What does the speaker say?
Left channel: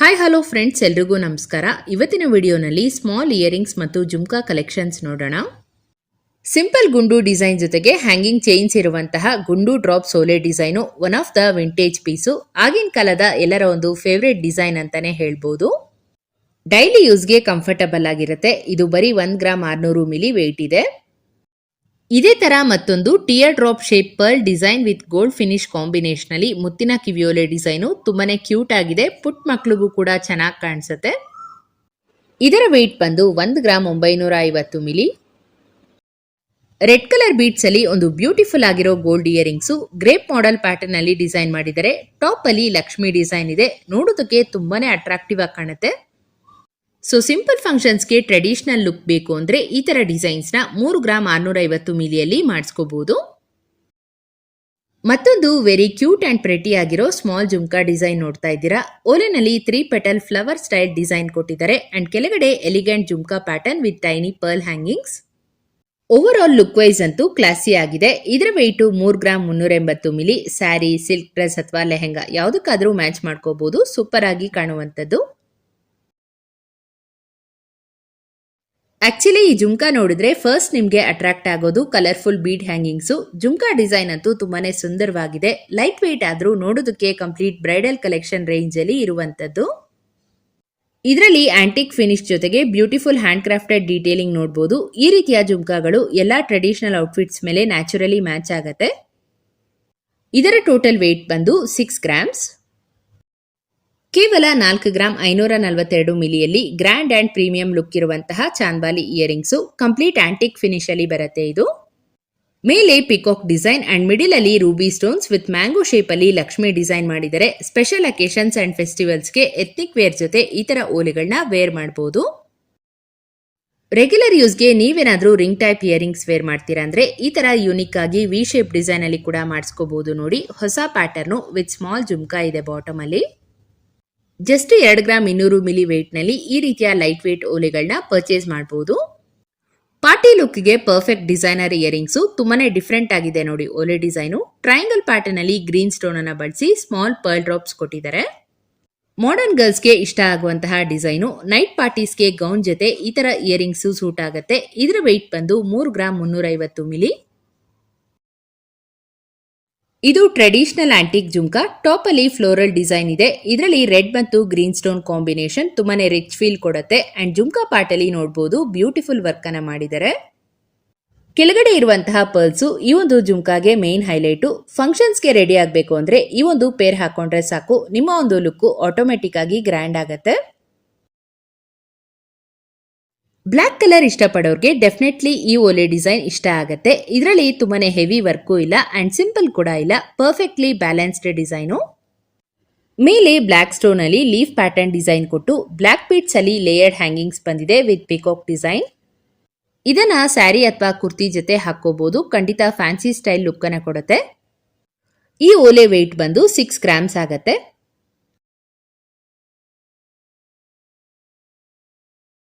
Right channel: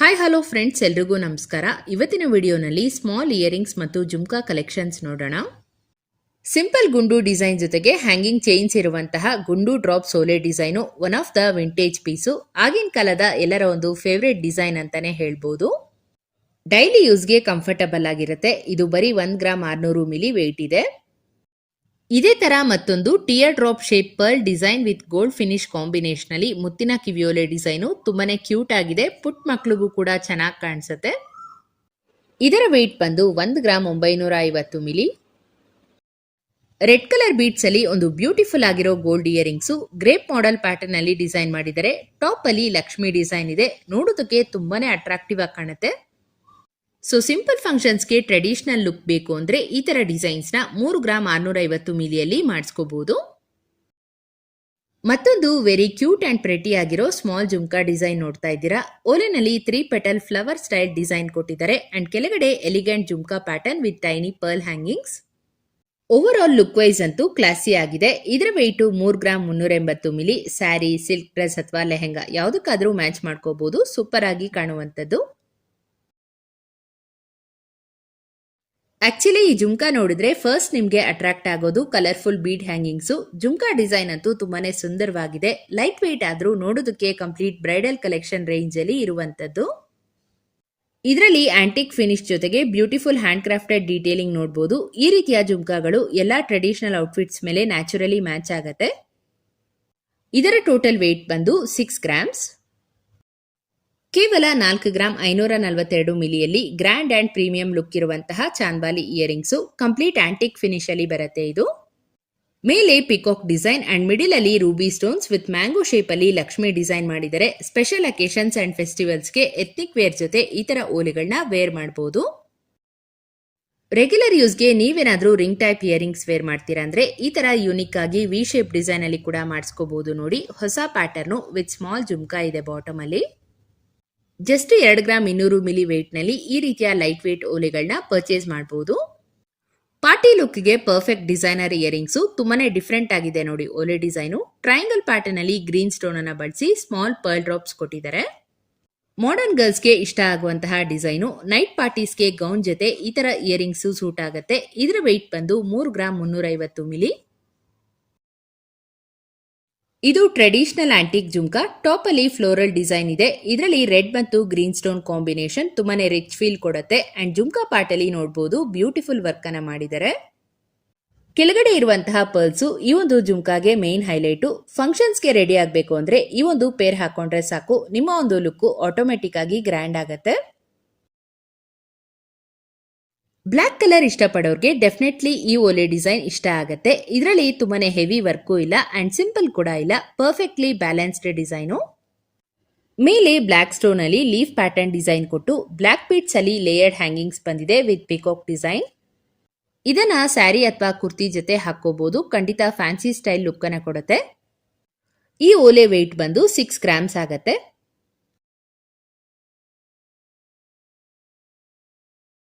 Hi hello friends, ಎಲ್ರಿಗೂ ನಮಸ್ಕಾರ. ಇವತ್ತಿನ ವಿಡಿಯೋನಲ್ಲಿ ಸ್ಮಾಲ್ ಇಯರಿಂಗ್ಸ್ ಮತ್ತು ಜುಮ್ಕಾ ಕಲೆಕ್ಷನ್ಸ್ ನೋಡೋಣ. ಸಿಂಪಲ್ ಗುಂಡು ಡಿಸೈನ್ ಜೊತೆಗೆ ಹ್ಯಾಂಗಿಂಗ್ ಚೈನ್ಸ್ ಇರುವಂತಹ ಗುಂಡು ಡ್ರಾಪ್ ಸೋಲೆ design one of the vintage piece. ಆಗಿನ ಕಾಲದ ಎಲ್ಲರ ಒಂದು ಫೇವ್ರೆಟ್ ಡಿಸೈನ್ ಅಂತಾನೆ ಹೇಳ್ಬೋದು. ಡೈಲಿ ಯೂಸ್ಗೆ ಕಂಫರ್ಟಬಲ್ ಆಗಿರುತ್ತೆ. ಇದು ಬರೀ 1 ಗ್ರಾಮ್ 600 ಮಿಲಿ ವೇಟ್ ಇದೆ. ಇದೇ ತರ ಮತ್ತೊಂದು tear drop shape pearl design with gold finish combination ಅಲ್ಲಿ ಮುತ್ತಿನ ಕಿವಿಯೋಲೆ ಡಿಸೈನು ತುಂಬಾನೇ ಕ್ಯೂಟ್ ಆಗಿದೆ. ಪುಟ್ ಮಕ್ಳಿಗೂ ಕೂಡ ಚೆನ್ನಾಗಿ ಕಾಣಿಸುತ್ತೆ. ಇದರ ವೇಟ್ ಬಂದು 1 gram 950 milli. Red colour beads ಅಲ್ಲಿ ಒಂದು ಬ್ಯೂಟಿಫುಲ್ ಆಗಿರೋ gold earrings grape model pattern ಅಲ್ಲಿ ಡಿಸೈನ್ ಮಾಡಿದರೆ. ಟಾಪ್ ಅಲ್ಲಿ ಲಕ್ಷ್ಮಿ ಡಿಸೈನ್ ಇದೆ. ನೋಡೋದಕ್ಕೆ ತುಂಬಾನೇ ಅಟ್ರಾಕ್ಟಿವ್ ಆಗಿ ಕಾಣುತ್ತೆ. ಸೊ ಸಿಂಪಲ್ ಫಂಕ್ಷನ್ಸ್ಗೆ ಟ್ರೆಡಿಷನಲ್ ಲುಕ್ ಬೇಕು ಅಂದ್ರೆ ಈ ತರ ಡಿಸೈನ್ಸ್ ನ 3 ಗ್ರಾಮ್ 650 ಮಿಲಿಯಲ್ಲಿ ಮಾಡಿಸ್ಕೋಬಹುದು. ಮತ್ತೊಂದು ವೆರಿ ಕ್ಯೂಟ್ ಅಂಡ್ ಪ್ರೆಟಿ ಆಗಿರೋ ಸ್ಮಾಲ್ ಜುಮ್ಕಾ ಡಿಸೈನ್ ನೋಡ್ತಾ ಇದ್ದೀರಾ. ಓಲೆನಲ್ಲಿ 3 ಪೆಟಲ್ ಫ್ಲವರ್ ಸ್ಟೈಲ್ ಡಿಸೈನ್ ಕೊಟ್ಟಿದ್ದಾರೆ ಅಂಡ್ ಕೆಳಗಡೆ elegant jhumka pattern with tiny pearl hangings. Over all look wise ಅಂತೂ ಕ್ಲಾಸಿ ಆಗಿದೆ. ಇದರ weight 3 gram 380 milli. Sari, silk dress ಅಥವಾ ಲೆಹೆಂಗಾ ಯಾವುದಕ್ಕಾದ್ರೂ ಮ್ಯಾಚ್ ಮಾಡ್ಕೋಬಹುದು. ಸೂಪರ್ ಆಗಿ ಕಾಣುವಂಥದ್ದು. ಆಕ್ಚುಲಿ ಈ ಜುಮ್ಕಾ ನೋಡಿದ್ರೆ ಫಸ್ಟ್ ನಿಮ್ಗೆ ಅಟ್ರಾಕ್ಟ್ ಆಗೋದು colourful bead hangings. Jhumka design ಅಂತೂ ತುಂಬಾನೇ ಸುಂದರವಾಗಿದೆ. ಲೈಟ್ ವೇಟ್ ಆದ್ರೂ ನೋಡೋದಕ್ಕೆ ಕಂಪ್ಲೀಟ್ ಬ್ರೈಡಲ್ ಕಲೆಕ್ಷನ್ ರೇಂಜ್ ಅಲ್ಲಿ ಇರುವಂತದ್ದು. ಇದರಲ್ಲಿ ಆಂಟಿಕ್ ಫಿನಿಶ್ ಜೊತೆಗೆ ಬ್ಯೂಟಿಫುಲ್ ಹ್ಯಾಂಡ್ ಕ್ರಾಫ್ಟೆಡ್ ಡೀಟೇಲಿಂಗ್ ನೋಡಬಹುದು. ಈ ರೀತಿಯ ಜುಮ್ಕಾಗಳು ಎಲ್ಲಾ ಟ್ರೆಡಿಷನಲ್ ಔಟ್ಫಿಟ್ಸ್ ಮೇಲೆ ನ್ಯಾಚುರಲಿ ಮ್ಯಾಚ್ ಆಗುತ್ತೆ. ಇದರ ಟೋಟಲ್ ವೇಟ್ ಬಂದು 6 ಗ್ರಾಮ್ಸ್. ಕೇವಲ 4 ಗ್ರಾಮ್ 542 ಮಿಲಿಯಲ್ಲಿ ಗ್ರ್ಯಾಂಡ್ ಅಂಡ್ ಪ್ರೀಮಿಯಂ ಲುಕ್ ಇರುವಂತಹ chandbali earrings complete antique finish ಅಲ್ಲಿ ಬರುತ್ತೆ. ಇದು ಮೇಲೆ ಪಿಕಾಕ್ ಡಿಸೈನ್ ಅಂಡ್ ಮಿಡಿಲ್ ಅಲ್ಲಿ ruby stones with mango shape ಅಲ್ಲಿ ಲಕ್ಷ್ಮಿ ಡಿಸೈನ್ ಮಾಡಿದರೆ. ಸ್ಪೆಷಲ್ ಅಕೇಶನ್ಸ್ ಅಂಡ್ ಫೆಸ್ಟಿವಲ್ಸ್ಗೆ ಎಥ್ನಿಕ್ ವೇರ್ ಜೊತೆ ಈ ತರ ಓಲೆಗಳನ್ನ ವೇರ್ ಮಾಡಬಹುದು. ರೆಗ್ಯುಲರ್ ಯೂಸ್ಗೆ ನೀವೇನಾದ್ರೂ ರಿಂಗ್ ಟೈಪ್ ಇಯರಿಂಗ್ಸ್ ವೇರ್ ಮಾಡ್ತೀರಾ ಅಂದ್ರೆ ಈ ತರ ಯೂನಿಕ್ ಆಗಿ ವಿ ಶೇಪ್ ಡಿಸೈನ್ ಅಲ್ಲಿ ಕೂಡ ಮಾಡಿಸ್ಕೋಬಹುದು. ನೋಡಿ, ಹೊಸ ಪ್ಯಾಟರ್ನು ವಿತ್ ಸ್ಮಾಲ್ ಜುಮ್ಕಾ ಇದೆ ಬಾಟಮ್ ಅಲ್ಲಿ. ಜಸ್ಟ್ 2 ಗ್ರಾಮ್ 200 ಮಿಲಿ ವೇಟ್ ನಲ್ಲಿ ಈ ರೀತಿಯ ಲೈಟ್ ವೇಟ್ ಓಲೆಗಳನ್ನ ಪರ್ಚೇಸ್ ಮಾಡಬಹುದು. ಪಾರ್ಟಿ ಲುಕ್ಗೆ ಪರ್ಫೆಕ್ಟ್ ಡಿಸೈನರ್ ಇಯರಿಂಗ್ಸು ತುಂಬಾನೇ ಡಿಫ್ರೆಂಟ್ ಆಗಿದೆ. ನೋಡಿ, ಓಲೆ ಡಿಸೈನು ಟ್ರಯಾಂಗಲ್ ಪ್ಯಾಟರ್ನ್ ಅಲ್ಲಿ ಗ್ರೀನ್ ಸ್ಟೋನ್ ಅನ್ನ ಬಳಸಿ ಸ್ಮಾಲ್ ಪರ್ಲ್ ಡ್ರಾಪ್ಸ್ ಕೊಟ್ಟಿದ್ದಾರೆ. ಮಾಡರ್ನ್ ಗರ್ಲ್ಸ್ಗೆ ಇಷ್ಟ ಆಗುವಂತಹ ಡಿಸೈನು. ನೈಟ್ ಪಾರ್ಟೀಸ್ಗೆ ಗೌನ್ ಜೊತೆ ಈ ತರ ಇಯರಿಂಗ್ಸ್ ಸೂಟ್ ಆಗುತ್ತೆ. ಇದರ ವೆಯ್ಟ್ ಬಂದು 3 ಗ್ರಾಮ್ 350 ಮಿಲಿ. ಇದು ಟ್ರೆಡಿಷನಲ್ ಆಂಟಿಕ್ ಜುಮ್ಕಾ. ಟಾಪ್ ಅಲ್ಲಿ ಫ್ಲೋರಲ್ ಡಿಸೈನ್ ಇದೆ. ಇದರಲ್ಲಿ ರೆಡ್ ಮತ್ತು ಗ್ರೀನ್ ಸ್ಟೋನ್ ಕಾಂಬಿನೇಷನ್ ತುಂಬಾನೇ ರಿಚ್ ಫೀಲ್ ಕೊಡುತ್ತೆ. ಅಂಡ್ ಜುಮ್ಕಾ ಪಾರ್ಟ್ ಅಲ್ಲಿ ನೋಡಬಹುದು ಬ್ಯೂಟಿಫುಲ್ ವರ್ಕ್ ಅನ್ನ ಮಾಡಿದ್ದಾರೆ. ಕೆಳಗಡೆ ಇರುವಂತಹ ಪರ್ಲ್ಸ್ ಈ ಒಂದು ಜುಮ್ಕಾಗೆ ಮೇನ್ ಹೈಲೈಟು. ಫಂಕ್ಷನ್ಸ್ಗೆ ರೆಡಿ ಆಗಬೇಕು ಅಂದ್ರೆ ಈ ಒಂದು ಪೇರ್ ಹಾಕೊಂಡ್ರೆ ಸಾಕು, ನಿಮ್ಮ ಒಂದು ಲುಕ್ ಆಟೋಮೆಟಿಕ್ ಆಗಿ ಗ್ರ್ಯಾಂಡ್ ಆಗುತ್ತೆ. ಬ್ಲ್ಯಾಕ್ ಕಲರ್ ಇಷ್ಟಪಡೋರ್ಗೆ ಡೆಫಿನೆಟ್ಲಿ ಈ ಓಲೆ ಡಿಸೈನ್ ಇಷ್ಟ ಆಗುತ್ತೆ. ಇದರಲ್ಲಿ ತುಂಬಾನೇ ಹೆವಿ ವರ್ಕು ಇಲ್ಲ ಅಂಡ್ ಸಿಂಪಲ್ ಕೂಡ ಇಲ್ಲ. Perfectly balanced design. ಮೇಲೆ ಬ್ಲ್ಯಾಕ್ ಸ್ಟೋನ್ ಅಲ್ಲಿ ಲೀಫ್ ಪ್ಯಾಟರ್ನ್ ಡಿಸೈನ್ ಕೊಟ್ಟು ಬ್ಲ್ಯಾಕ್ ಬೀಟ್ಸ್ ಅಲ್ಲಿ ಲೇಯರ್ಡ್ ಹ್ಯಾಂಗಿಂಗ್ಸ್ ಬಂದಿದೆ ವಿತ್ ಪಿಕಾಕ್ ಡಿಸೈನ್. ಇದನ್ನ ಸ್ಯಾರಿ ಅಥವಾ ಕುರ್ತಿ ಜೊತೆ ಹಾಕೋಬಹುದು. ಖಂಡಿತ ಫ್ಯಾನ್ಸಿ ಸ್ಟೈಲ್ ಲುಕ್ ಅನ್ನ ಕೊಡುತ್ತೆ. ಈ ಓಲೆ ವೇಟ್ ಬಂದು 6 ಗ್ರಾಮ್ಸ್ ಆಗುತ್ತೆ.